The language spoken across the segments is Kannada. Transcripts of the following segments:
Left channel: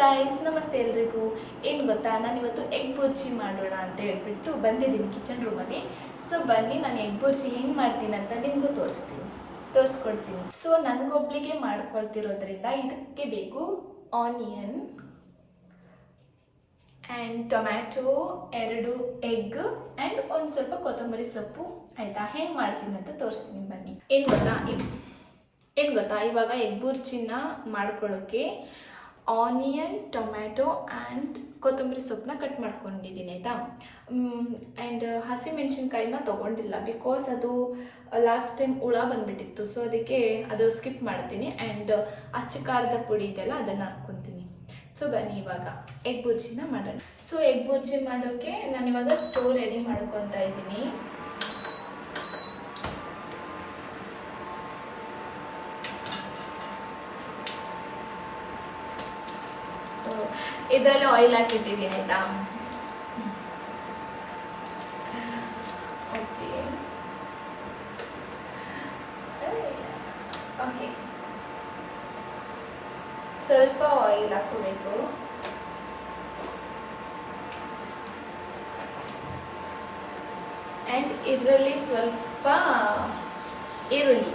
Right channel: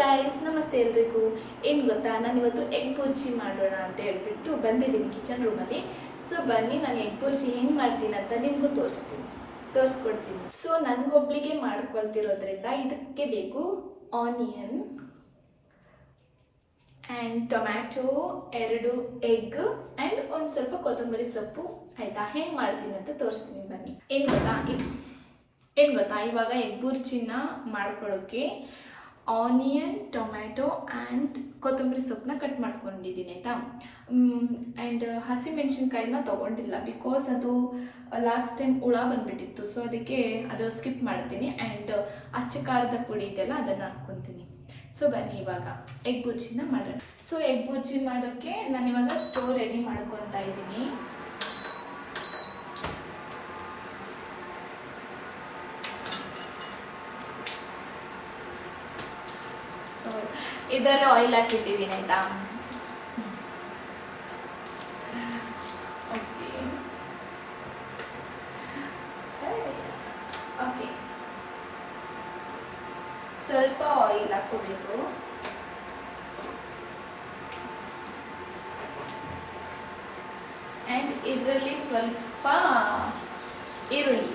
ಗೈಸ್, ನಮಸ್ತೆ ಎಲ್ರಿಗೂ. ಏನು ಗೊತ್ತಾ, ನಾನು ಇವತ್ತು ಎಗ್ ಬುರ್ಜಿ ಮಾಡೋಣ ಅಂತ ಹೇಳ್ಬಿಟ್ಟು ಬಂದಿದ್ದೀನಿ ಕಿಚನ್ ರೂಮಲ್ಲಿ. ಸೊ ಬನ್ನಿ, ನಾನು ಎಗ್ ಬುರ್ಜಿ ಹೆಂಗೆ ಮಾಡ್ತೀನಿ ಅಂತ ನಿಮಗೂ ತೋರಿಸ್ಕೊಡ್ತೀನಿ. ಸೊ ನನಗೊಬ್ಳಿಗೆ ಮಾಡ್ಕೊಳ್ತಿರೋದ್ರಿಂದ ಇದಕ್ಕೆ ಬೇಕು onion and tomato, 2 egg and ಒಂದು ಸ್ವಲ್ಪ ಕೊತ್ತಂಬರಿ ಸೊಪ್ಪು. ಆಯಿತಾ? ಹೆಂಗೆ ಮಾಡ್ತೀನಿ ಅಂತ ತೋರಿಸ್ತೀನಿ ಬನ್ನಿ. ಏನು ಗೊತ್ತಾ, ಇವಾಗ ಎಗ್ ಬುರ್ಜಿನ ಮಾಡ್ಕೊಳ್ಳೋಕ್ಕೆ ಆನಿಯನ್, ಟೊಮ್ಯಾಟೊ ಆ್ಯಂಡ್ ಕೊತ್ತಂಬರಿ ಸೊಪ್ಪನ್ನ ಕಟ್ ಮಾಡ್ಕೊಂಡಿದ್ದೀನಿ. ಆಯಿತಾ? ಆ್ಯಂಡ್ ಹಸಿಮೆಣ್ಸಿನ್ಕಾಯಿನ ತೊಗೊಂಡಿಲ್ಲ, ಬಿಕಾಸ್ ಅದು ಲಾಸ್ಟ್ ಟೈಮ್ ಹುಳ ಬಂದುಬಿಟ್ಟಿತ್ತು. ಸೊ ಅದಕ್ಕೆ ಅದು ಸ್ಕಿಪ್ ಮಾಡ್ತೀನಿ. ಆ್ಯಂಡ್ ಅಚ್ಚ ಖಾರದ ಪುಡಿ ಇದೆಲ್ಲ ಅದನ್ನು ಹಾಕ್ಕೊತೀನಿ. ಸೊ ಬನ್ನಿ ಇವಾಗ ಎಗ್ ಬುರ್ಜಿನ ಮಾಡೋಣ. ಸೊ ಎಗ್ ಬುರ್ಜಿ ಮಾಡೋಕ್ಕೆ ನಾನಿವಾಗ ಸ್ಟೋವ್ ರೆಡಿ ಮಾಡ್ಕೊತಾ ಇದ್ದೀನಿ. ಇದರಲ್ಲಿ ಆಯಿಲ್ ಹಾಕಿಟ್ಟಿದ್ದೀನಿ. ಆಯಿತಾ? ಓಕೆ, ಸ್ವಲ್ಪ ಆಯಿಲ್ ಹಾಕೋಬೇಕು. ಆ್ಯಂಡ್ ಇದರಲ್ಲಿ ಸ್ವಲ್ಪ ಈರುಳ್ಳಿ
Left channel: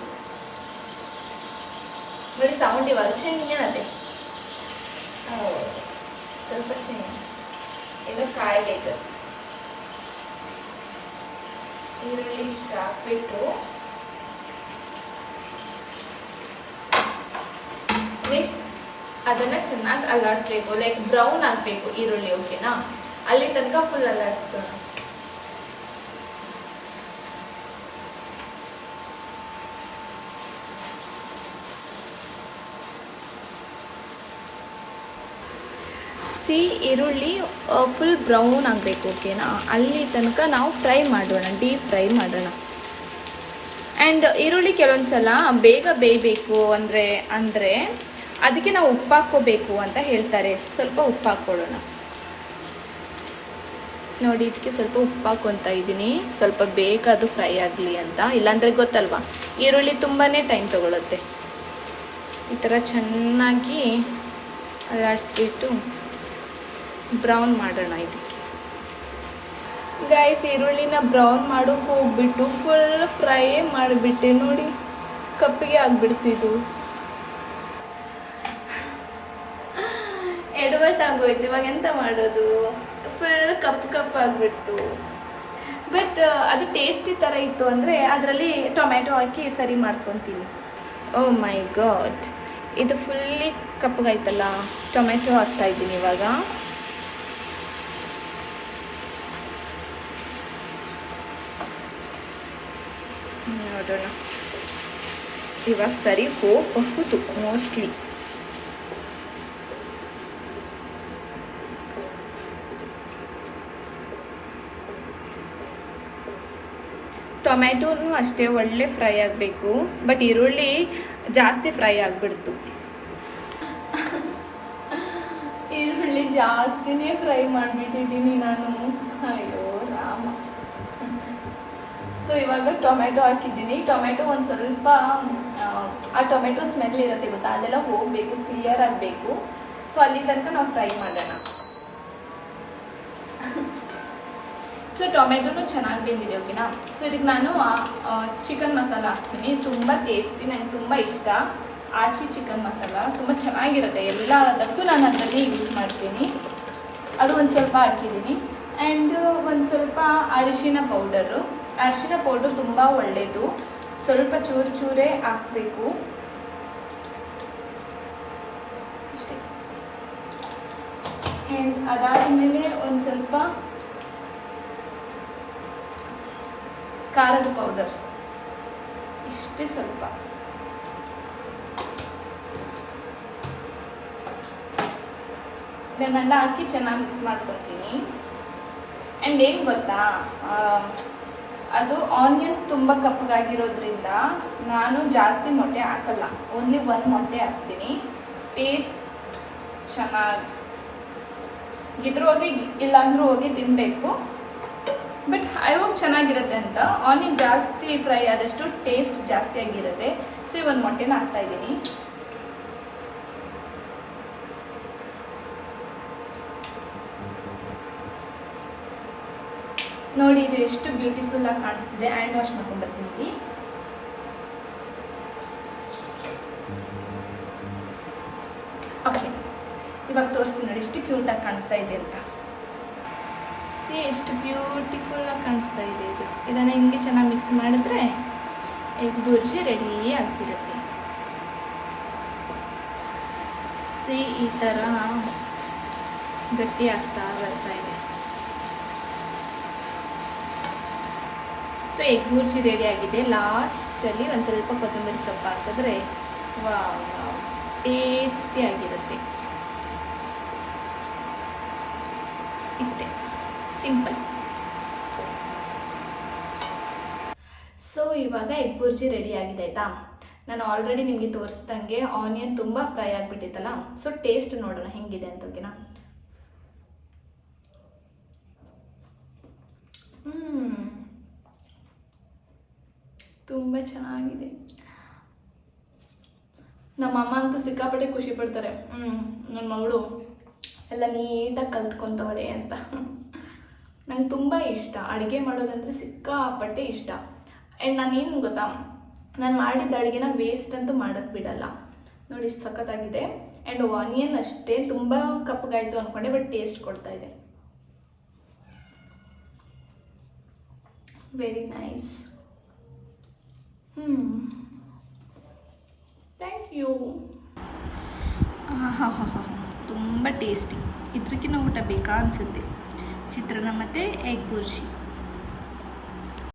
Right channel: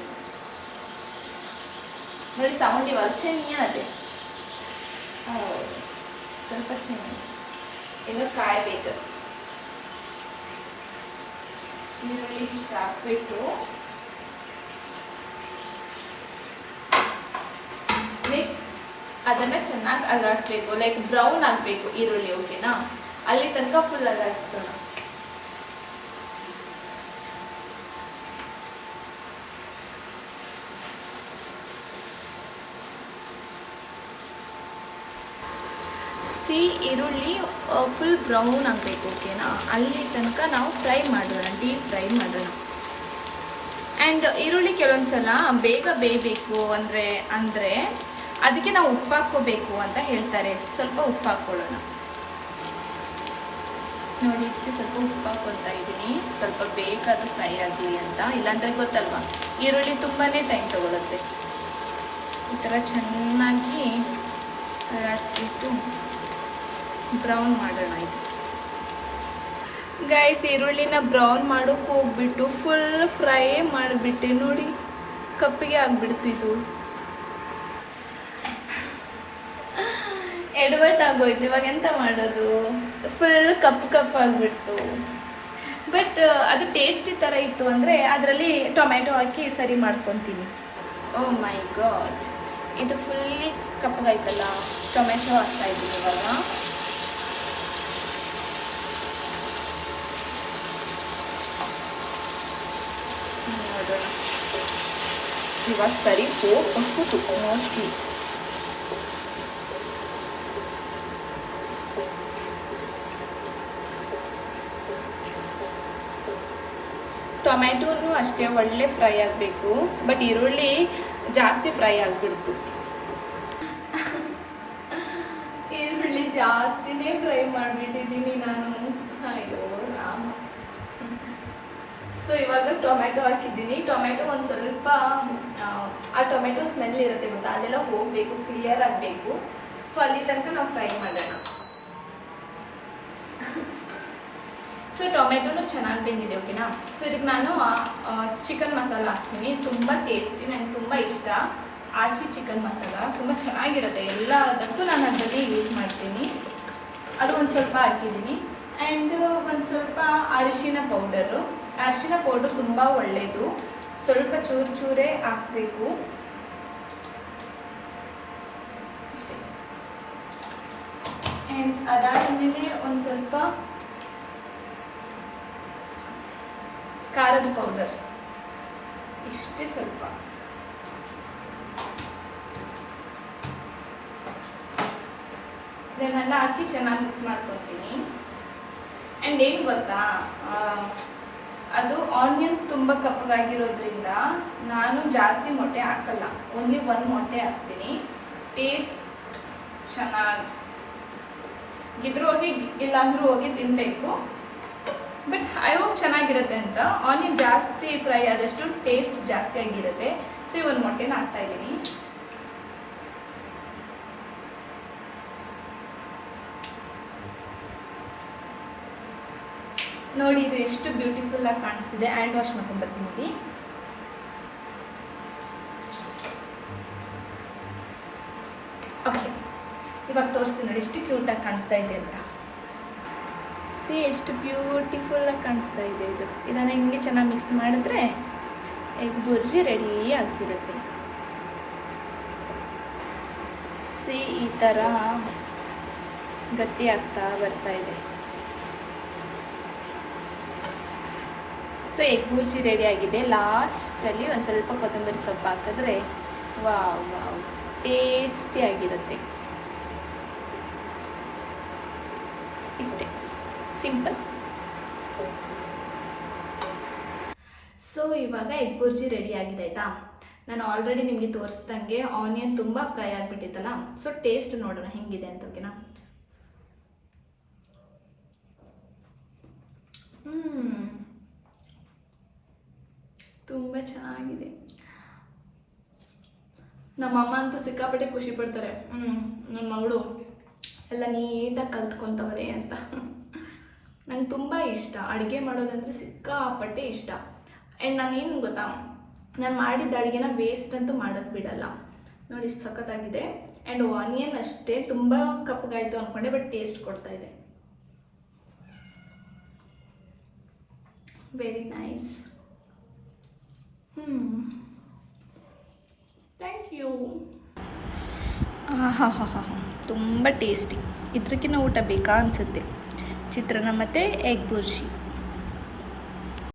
ನೋಡಿ, ಸೌಂಡ್ ಇವಾಗ ಚೆನ್ನಾಗಿದೆ. ಸ್ವಲ್ಪ ಚೆನ್ನಾಗಿ ಇನ್ನು ಕಾಯಬೇಕು. ಈರುಳ್ಳಿ ಇಷ್ಟು ಹಾಕ್ಬಿಟ್ಟು ನೆಕ್ಸ್ಟ್ ಅದನ್ನು ಚೆನ್ನಾಗಿ ಅಲ್ಲಾಡಿಸ್ಬೇಕು. ಲೈಕ್ ಬ್ರೌನ್ ಆಗಬೇಕು ಈರುಳ್ಳಿ. ಓಕೆನಾ? ಅಲ್ಲಿ ತನಕ ಫುಲ್ ಅಲ್ಲಾಡಿಸೋಣ. ಈರುಳ್ಳಿ ಫುಲ್ ಬ್ರೌನ್ ಆಗಬೇಕು. ಓಕೆನಾ? ಅಲ್ಲಿ ತನಕ ನಾವು ಫ್ರೈ ಮಾಡೋಣ, ಡೀಪ್ ಫ್ರೈ ಮಾಡೋಣ. ಆ್ಯಂಡ್ ಈರುಳ್ಳಿ ಕೆಲವೊಂದು ಸಲ ಬೇಗ ಬೇಯಬೇಕು ಅಂದರೆ ಅದಕ್ಕೆ ನಾವು ಉಪ್ಪು ಹಾಕ್ಕೋಬೇಕು ಅಂತ ಹೇಳ್ತಾರೆ. ಸ್ವಲ್ಪ ಉಪ್ಪು ಹಾಕ್ಕೊಳ್ಳೋಣ. ನೋಡಿ, ಇದಕ್ಕೆ ಸ್ವಲ್ಪ ಉಪ್ಪು ಹಾಕ್ಕೊತಾ ಇದ್ದೀನಿ, ಸ್ವಲ್ಪ ಬೇಗ ಅದು ಫ್ರೈ ಆಗಲಿ ಅಂತ. ಇಲ್ಲಾಂದರೆ ಗೊತ್ತಲ್ವಾ, ಈರುಳ್ಳಿ ತುಂಬಾ ಟೈಮ್ ತೊಗೊಳುತ್ತೆ. ಈ ಥರ ಚೆನ್ನಾಗಿ ಅಲ್ಲಾಡಿಸ್ಬಿಟ್ಟು ಬ್ರೌನ್ ಮಾಡೋಣ. ಇದಕ್ಕೆ ಗೈಸ್, ಈರುಳ್ಳಿನ ಬ್ರೌನ್ ಮಾಡೋಕ್ಕೆ ಹೋಗ್ಬಿಟ್ಟು ಫುಲ್ ಫ್ರೈ ಮಾಡಿಬಿಟ್ಟೆ. ನೋಡಿ, ಕಪ್ಪಿಗೆ ಆಗಿಬಿಡ್ತು. ಇದು ಎಡವಟ್ ಆಗೋಯ್ತು. ಇವಾಗ ಎಂತ ಮಾಡೋದು? ಫುಲ್ ಕಪ್ ಆಗಿಬಿಡ್ತು. ಬಟ್ ಅದು ಟೇಸ್ಟಿ ಥರ ಇತ್ತು ಅಂದರೆ ಅದರಲ್ಲಿ ಟೊಮ್ಯಾಟೊ ಹಾಕಿ ಸರಿ ಮಾಡ್ಕೊತೀನಿ. ಓ ಮೈ ಗಾಡ್, ಇದು ಫುಲ್ಲಿ ಕಪ್ಪಗಾಯ್ತಲ್ಲ. ಟೊಮ್ಯಾಟೊ ಹಾಕ್ತಾ ಇದ್ದೀನಿ ಇವಾಗ. ನೋಡೋಣ, ಇವಾಗ ಸರಿ ಹೋಗ್ಬಹುದು ಮೋಸ್ಟ್ಲಿ. ಟೊಮ್ಯಾಟೋನು ಅಷ್ಟೇ ಒಳ್ಳೆ ಫ್ರೈ ಆಗಬೇಕು. ಬಟ್ ಈರುಳ್ಳಿ ಜಾಸ್ತಿ ಫ್ರೈ ಆಗಿಬಿಡ್ತು. ಈರುಳ್ಳಿ ಜಾಸ್ತಿನೇ ಫ್ರೈ ಮಾಡಿಬಿಟ್ಟಿದ್ದೀನಿ ನಾನು. ಅಯ್ಯೋ ರಾಮ. ಸೊ ಇವಾಗ ಟೊಮ್ಯಾಟೊ ಹಾಕಿದ್ದೀನಿ. ಟೊಮ್ಯಾಟೊ ಒಂದು ಸ್ವಲ್ಪ ಆ ಟೊಮೆಟೊ ಸ್ಮೆಲ್ ಇರುತ್ತೆ ಗೊತ್ತಾ, ಅದೆಲ್ಲ ಹೋಗಬೇಕು, ಕ್ಲಿಯರ್ ಆಗಬೇಕು. ಸೊ ಅಲ್ಲಿ ತನಕ ನಾವು ಫ್ರೈ ಮಾಡೋಣ. ಸೊ ಟೊಮೆಟೊನು ಚೆನ್ನಾಗಿ ಬೆಂದಿದೆ. ಓಕೆನಾ? ಸೊ ಇದಕ್ಕೆ ನಾನು ಚಿಕನ್ ಮಸಾಲ ಹಾಕ್ತೀನಿ. ತುಂಬ ಟೇಸ್ಟಿ, ನನಗೆ ತುಂಬ ಇಷ್ಟ. ಆಚಿ ಚಿಕನ್ ಮಸಾಲ ತುಂಬ ಚೆನ್ನಾಗಿರುತ್ತೆ. ಎಲ್ಲದಕ್ಕೂ ನಾನು ಅದನ್ನೇ ಯೂಸ್ ಮಾಡ್ತೀನಿ. ಅದು ಒಂದು ಸ್ವಲ್ಪ ಹಾಕಿದ್ದೀನಿ. ಆ್ಯಂಡ್ ಒಂದು ಸ್ವಲ್ಪ ಅರಿಶಿನ ಪೌಡರು ತುಂಬ ಒಳ್ಳೆಯದು. ಸ್ವಲ್ಪ ಚೂರೇ ಹಾಕಬೇಕು ಅಷ್ಟೇ. ಆ್ಯಂಡ್ ಅದಾದಮೇಲೆ ಒಂದು ಸ್ವಲ್ಪ ಖಾರದ ಪೌಡರ್, ಇಷ್ಟೇ ಸ್ವಲ್ಪ. ಇದನ್ನೆಲ್ಲ ಹಾಕಿ ಚೆನ್ನಾಗಿ ಮಿಕ್ಸ್ ಮಾಡ್ಕೊತೀನಿ. ಆ್ಯಂಡ್ ಏನು ಗೊತ್ತಾ, ಅದು ಆನಿಯನ್ ತುಂಬ ಕಪ್ಪಗಾಗಿರೋದ್ರಿಂದ ನಾನು ಜಾಸ್ತಿ ಮೊಟ್ಟೆ ಹಾಕಲ್ಲ. ಓನ್ಲಿ 1 ಮೊಟ್ಟೆ ಹಾಕ್ತೀನಿ. ಟೇಸ್ಟ್ ಚೆನ್ನಾಗಿದ್ರೂ ಹೋಗಿ, ಇಲ್ಲಾಂದ್ರೂ ಹೋಗಿ ತಿನ್ನಬೇಕು. ಬಟ್ ಐ ಹೋಪ್ ಚೆನ್ನಾಗಿರುತ್ತೆ ಅಂತ. ಆನಿಯನ್ ಜಾಸ್ತಿ ಫ್ರೈ ಆದಷ್ಟು ಟೇಸ್ಟ್ ಜಾಸ್ತಿ ಆಗಿರುತ್ತೆ. ಸೊ ಈ ಒಂದು ಮೊಟ್ಟೆನ ಹಾಕ್ತಾ ಇದ್ದೀನಿ. ನೋಡಿ ಇದು ಎಷ್ಟು ಬ್ಯೂಟಿಫುಲ್ ಆಗಿ ಕಾಣಿಸ್ತಿದೆ. Hand wash ಮಾಡ್ಕೊಂಡ್ಬರ್ತೀನಿ. ಓಕೆ, ಇವಾಗ ತೋರಿಸ್ತೀನಿ ನೋಡಿ ಎಷ್ಟು ಕ್ಯೂಟಾಗಿ ಕಾಣಿಸ್ತಾ ಇದೆ ಅಂತ. ಸಿ ಎಷ್ಟು ಬ್ಯೂಟಿಫುಲ್ಲಾಗಿ ಕಾಣಿಸ್ತಾ ಇದೆ ಇದು. ಇದನ್ನು ಹಿಂಗೆ ಚೆನ್ನಾಗಿ ಮಿಕ್ಸ್ ಮಾಡಿದ್ರೆ ಎಗ್ ಬುರ್ಜಿ ರೆಡಿ ಆಗ್ತಿರುತ್ತೆ. ಸಿ ಈ ಥರ ಗಟ್ಟಿ ಆಗ್ತಾ ಬರ್ತಾ ಇದೆ. ಸೊ ಎಗ್ ಬುರ್ಜಿ ರೆಡಿ ಆಗಿದೆ. ಲಾಸ್ಟಲ್ಲಿ ಒಂದು ಸ್ವಲ್ಪ ಕೊತ್ತಂಬರಿ ಸೊಪ್ಪು ಹಾಕಿದ್ರೆ ವಾವ್ ವಾವ್ ಟೇಸ್ಟಿ ಆಗಿರುತ್ತೆ. ಇಷ್ಟೇ, ಸಿಂಪಲ್. ಸೊ ಇವಾಗ ಎಗ್ ಬುರ್ಜಿ ರೆಡಿ ಆಗಿದೆ ಆಯಿತಾ. ನಾನು ಆಲ್ರೆಡಿ ನಿಮಗೆ ತೋರಿಸ್ದಂಗೆ ಆನಿಯನ್ ತುಂಬ ಫ್ರೈ ಆಗಿಬಿಟ್ಟಿತ್ತಲ್ಲ. ಸೊ ಟೇಸ್ಟ್ ನೋಡೋಣ ಹೆಂಗಿದೆ ಅಂತ. ಓಕೆನಾ? ತುಂಬ ಚೆನ್ನಾಗಿದೆ. ನಮ್ಮಮ್ಮ ಅಂತೂ ಸಿಕ್ಕಾಪಟ್ಟೆ ಖುಷಿ ಪಡ್ತಾರೆ. ನನ್ನ ಮಗಳು ಎಲ್ಲ ನೀಟಾಗಿ ಕಲ್ತ್ಕೊತವಳೆ ಅಂತ. ನಂಗೆ ತುಂಬ ಇಷ್ಟ ಅಡುಗೆ ಮಾಡೋದಂದರೆ, ಸಿಕ್ಕಾಪಟ್ಟೆ ಇಷ್ಟ. ಆ್ಯಂಡ್ ನಾನೇನು ಗೊತ್ತಾ, ನಾನು ಮಾಡಿದ್ದ ಅಡುಗೆನ ವೇಸ್ಟ್ ಅಂತೂ ಮಾಡೋಕ್ಕೆ ಬಿಡಲ್ಲ. ನೋಡಿ ಇಷ್ಟು ಸಖತ್ತಾಗಿದೆ. ಆ್ಯಂಡ್ ಆನಿಯನ್ ಅಷ್ಟೇ ತುಂಬ ಕಪ್ಪಗಾಯಿತು ಅಂದ್ಕೊಂಡೆ, ಬಟ್ ಟೇಸ್ಟ್ ಕೊಡ್ತಾ ಇದೆ. Very nice. Thank you. ಹಾಂ ಹಾಂ ಹಾಂ ತುಂಬ ಟೇಸ್ಟಿ. ಇದಕ್ಕಿಂತ ಊಟ ಬೇಕಾ ಅನಿಸುತ್ತೆ. ಚಿತ್ರಾನ್ನ ಮತ್ತು ಎಗ್ ಬುರ್ಜಿ.